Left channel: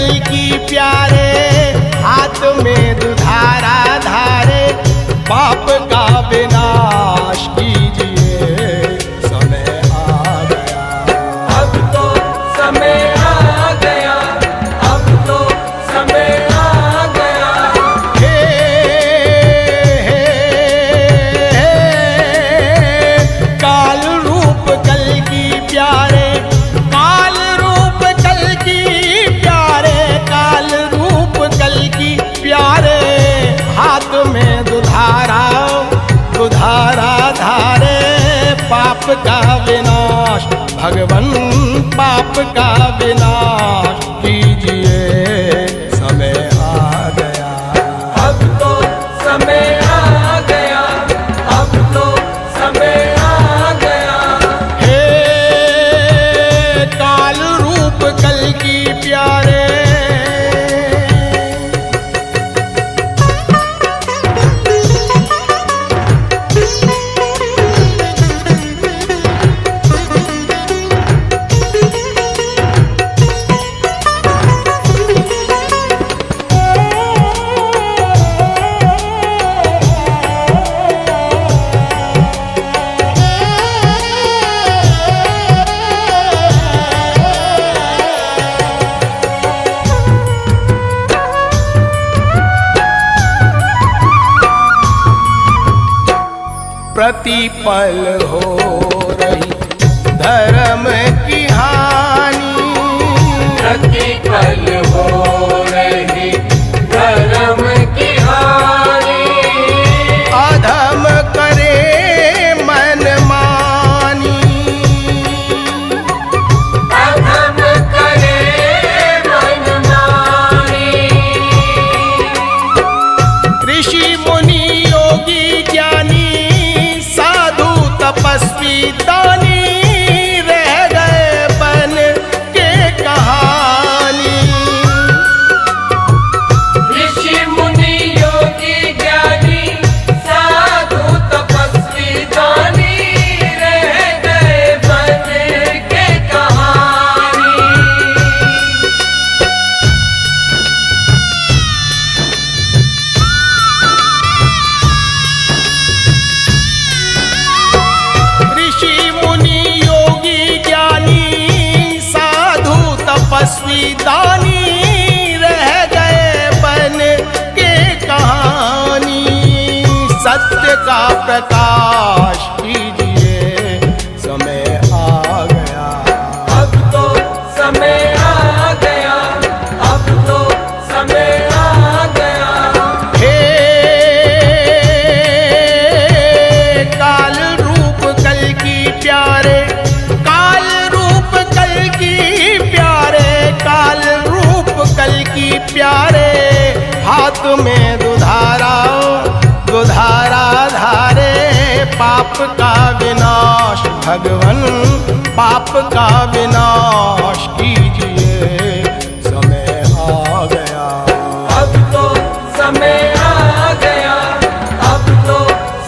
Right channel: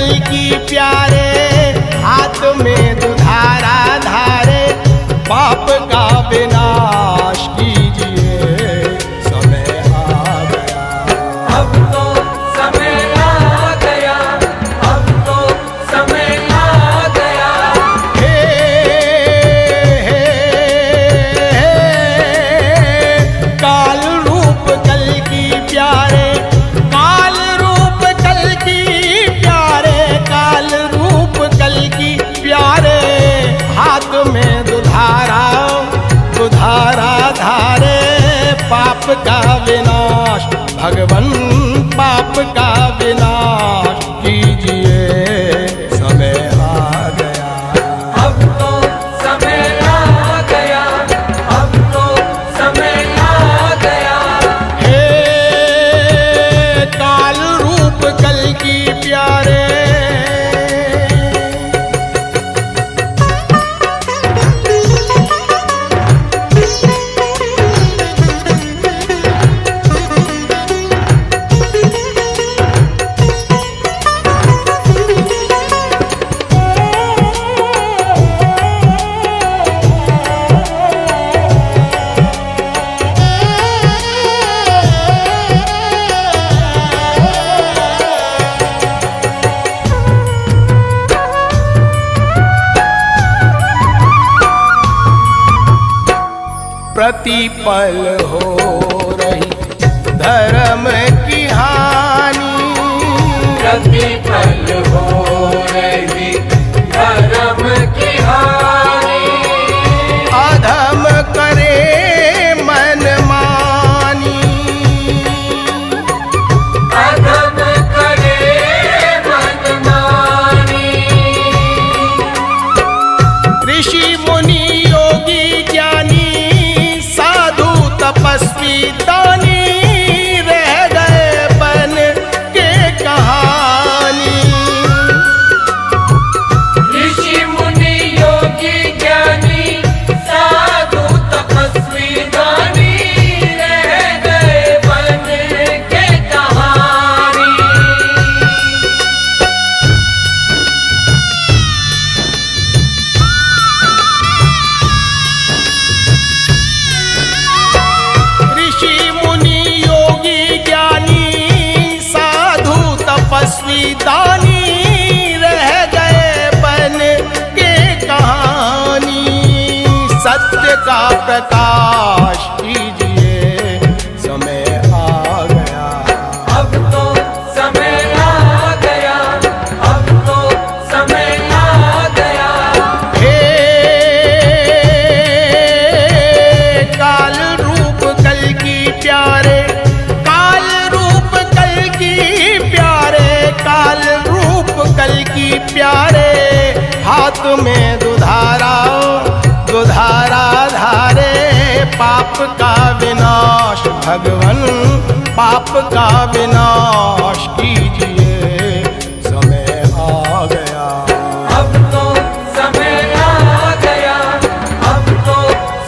कल्कि प्यारे, हाथ में दुधारा धारे, पाप का विनाश कीजिए, समय आ गया। अब तो समय आ गया, अब तो समय आ गया। हे काल रूप कल्कि प्यारे, काल रूप कल्कि प्यारे, काल रूप कल्कि प्यारे, हाथ में दुधारा दुधारा धारे, पाप का विनाश भगवन, पाप का विनाश कीजिए, समय आ गया। अब तो समय आ गया, अब तो समय आ गया। हे काल रूप कल्कि प्यारे, प्रतिपल हो रही धर्म की हानि, प्रतिपल हो रही धर्म की हानि, अधम करे मनमानी, अधम करे मनमानी। ऋषि मुनि योगी ज्ञानी, साधु तपस्वी दानी, रह गए बन के कहानी। ऋषि मुनि योगी ज्ञानी, साधु तपस्वी दानी, रह गए बन के कहानी। ऋषि मुनि योगी ज्ञानी, साधु तपस्वी दानी, रह गए बन के कहानी। सत्य का प्रकाश कीजिए, समय आ गया। अब तो समय आ गया, अब तो समय आ गया। हे काल रूप कल्कि प्यारे, काल रूप कल्कि प्यारे, काल रूप कल्कि प्यारे, हाथ में दुधारा दुधारा धारे, पाप का विनाश भगवन, पाप का विनाश कीजिए, समय आ गया। अब तो समय आ गया, अब तो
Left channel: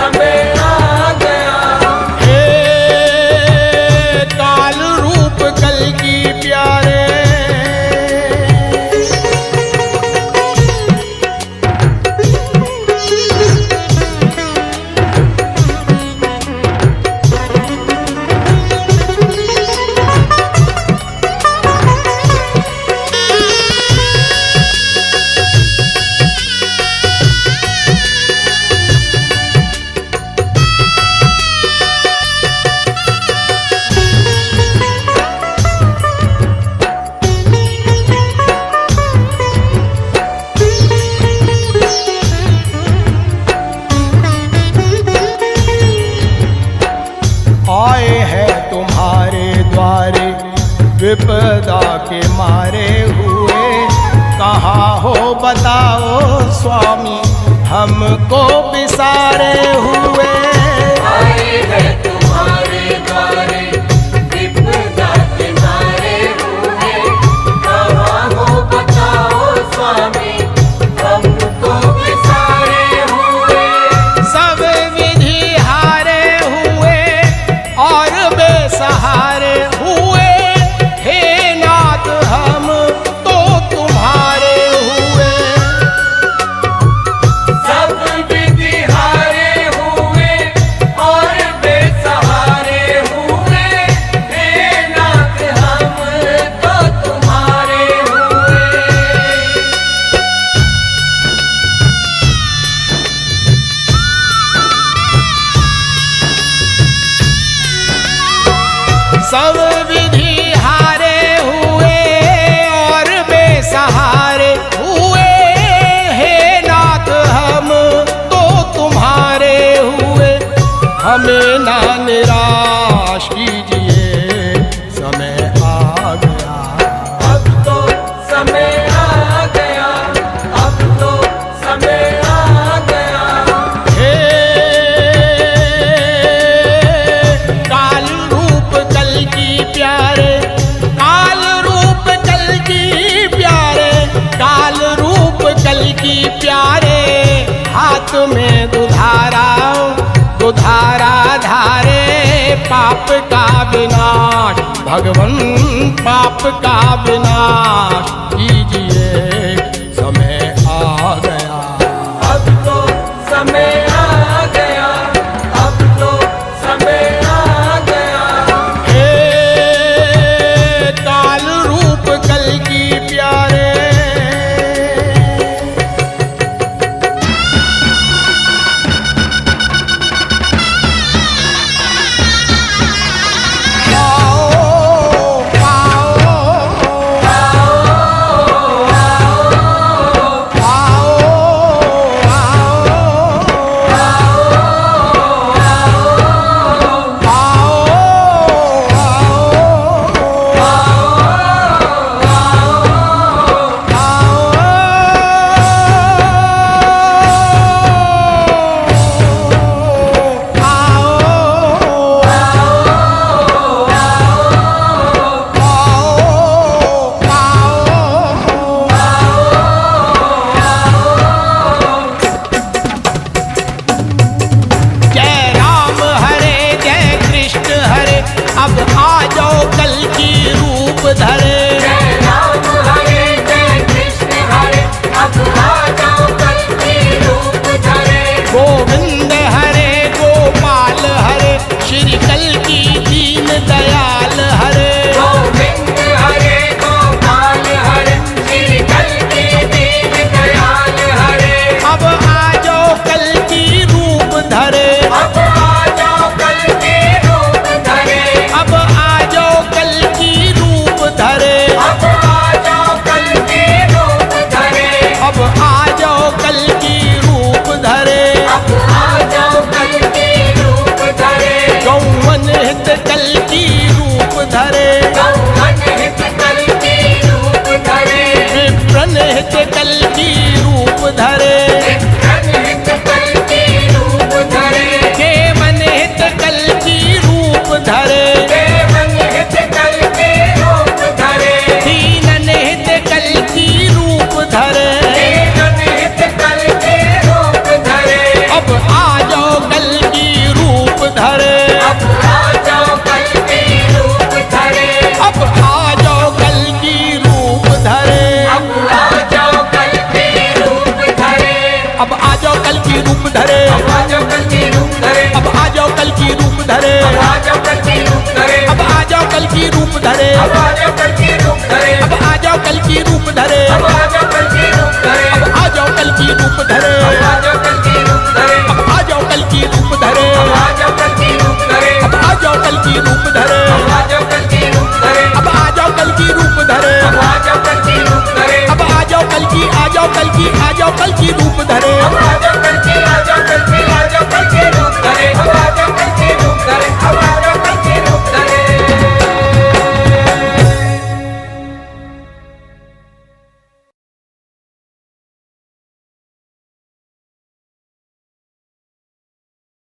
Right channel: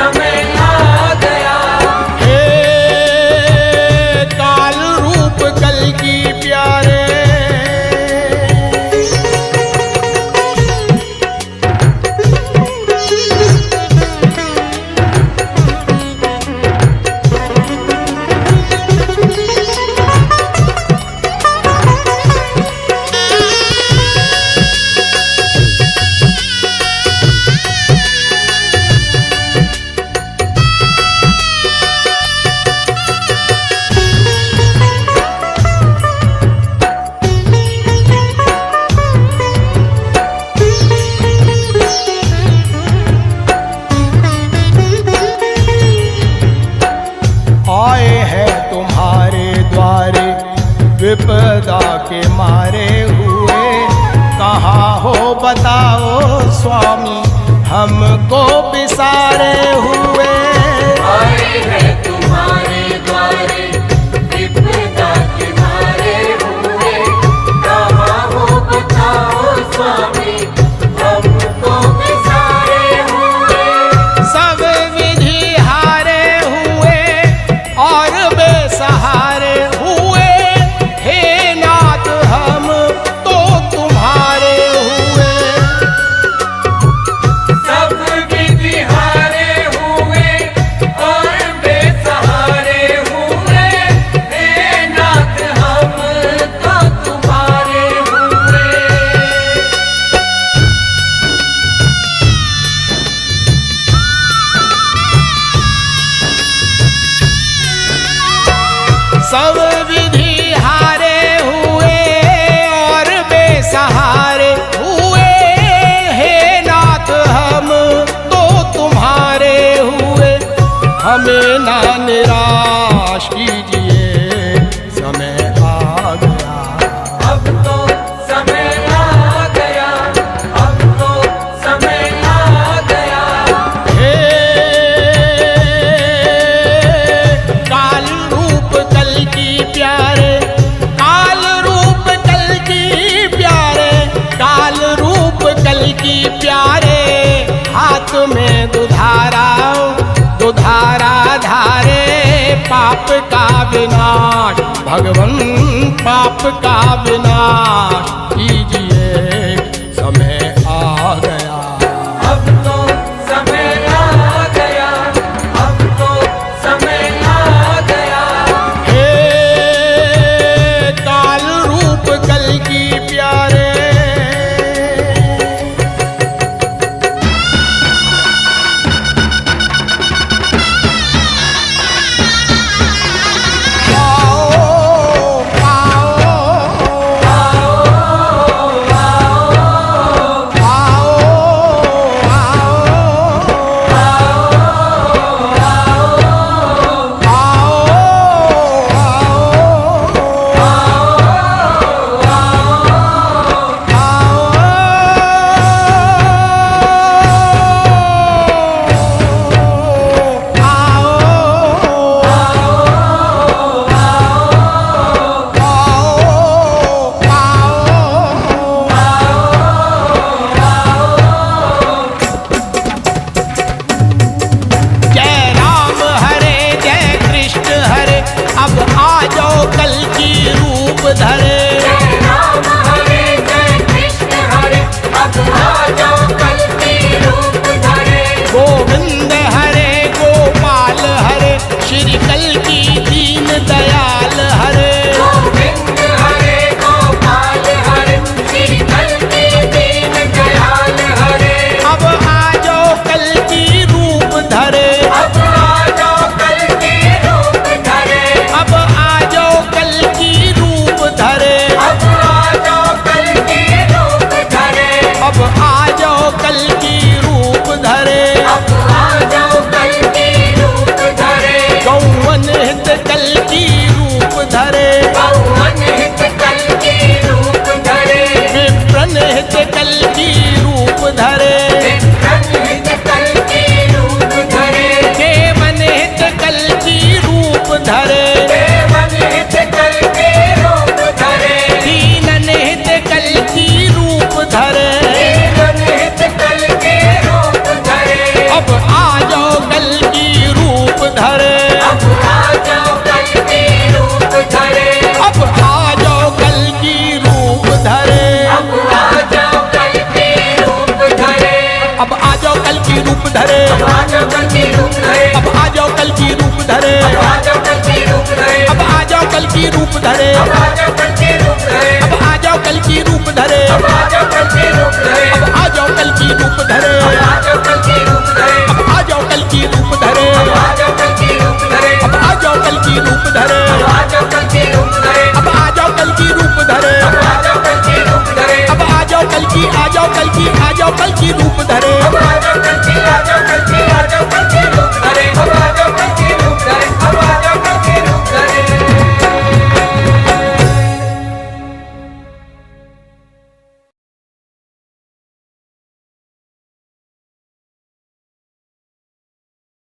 समय आ गया। हे काल रूप कल्कि प्यारे, आए हैं तुम्हारे द्वारे, विपदा के मारे हुए, कहाँ हो बताओ स्वामी, हमको बिसारे हुए। आए हैं तुम्हारे द्वारे, विपदा के मारे हुए, कहाँ हो बताओ स्वामी, हमको बिसारे हुए। सब विधि हारे हुए और बेसहारे हुए, हे नाथ हम तो तुम्हारे सब विधि हारे हुए और बेसहारे हुए, हे नाथ हम तो तुम्हारे हुए, हमें ना निराश कीजिए, समय आ गया। अब तो समय आ गया, अब तो समय आ गया। हे काल रूप कल की प्यारे, काल रूप कल की प्यारे, काल रूप कल की प्यारे, हाथ में दुधारा दुधारा धारे, पाप का विनाश भगवन, पाप का विनाश कीजिए, समय आ गया। अब तो समय आ गया, अब तो समय आ गया। हे काल रूप कल की प्यारे, अब आ जाओ कल की रूप धरे, राम हरे जय कृष्ण हरे, अब आ जाओ कल की रूप धरे। गोविंद हरे गोपाल हरे, श्री कल की दीन दयाल हरे, गोविंद हरे गोपाल हरे, श्री कल की दीन दयाल हरे। अब आ जाओ कल की रूप धरे, अब आ जाओ कल की रूप धरे, अब आ जाओ कल की रूप धरे, अब आ जाओ कल की रूप धरे, अब आ जाओ कल की रूप धरे, अब आ जाओ कल की रूप धरे। गौवन हित कल की रूप धरे, गौवन हित कल की रूप धरे, विप्रन हित कल की रूप धरे, विप्रन हित कल की रूप धरे, देवन हित कल की रूप धरे, देवन हित कल की रूप धरे, दीनन हित कल की रूप धरे, देवन हित कल की रूप धरे। अब आ जाओ कल की रूप धरे, अब आ जाओ कल की रूप धरे, अब आ जाओ कल की रूप धरे, अब आ जाओ कल की रूप धरे, अब आ जाओ कल की रूप धरे, आ जाओ कल की रूप धरे, अब आ जाओ कल की रूप धरे, आ जाओ कल की रूप धरे, अब आ जाओ कल की रूप धरे, आ जाओ कल की रूप धरे, अब आ जाओ कल की रूप धरे, आ जाओ कल की रूप धरे, अब आ जाओ कल की रूप धरे, आ जाओ कल की रूप धरे, अब आ जाओ कल की रूप धरे, आ जाओ कल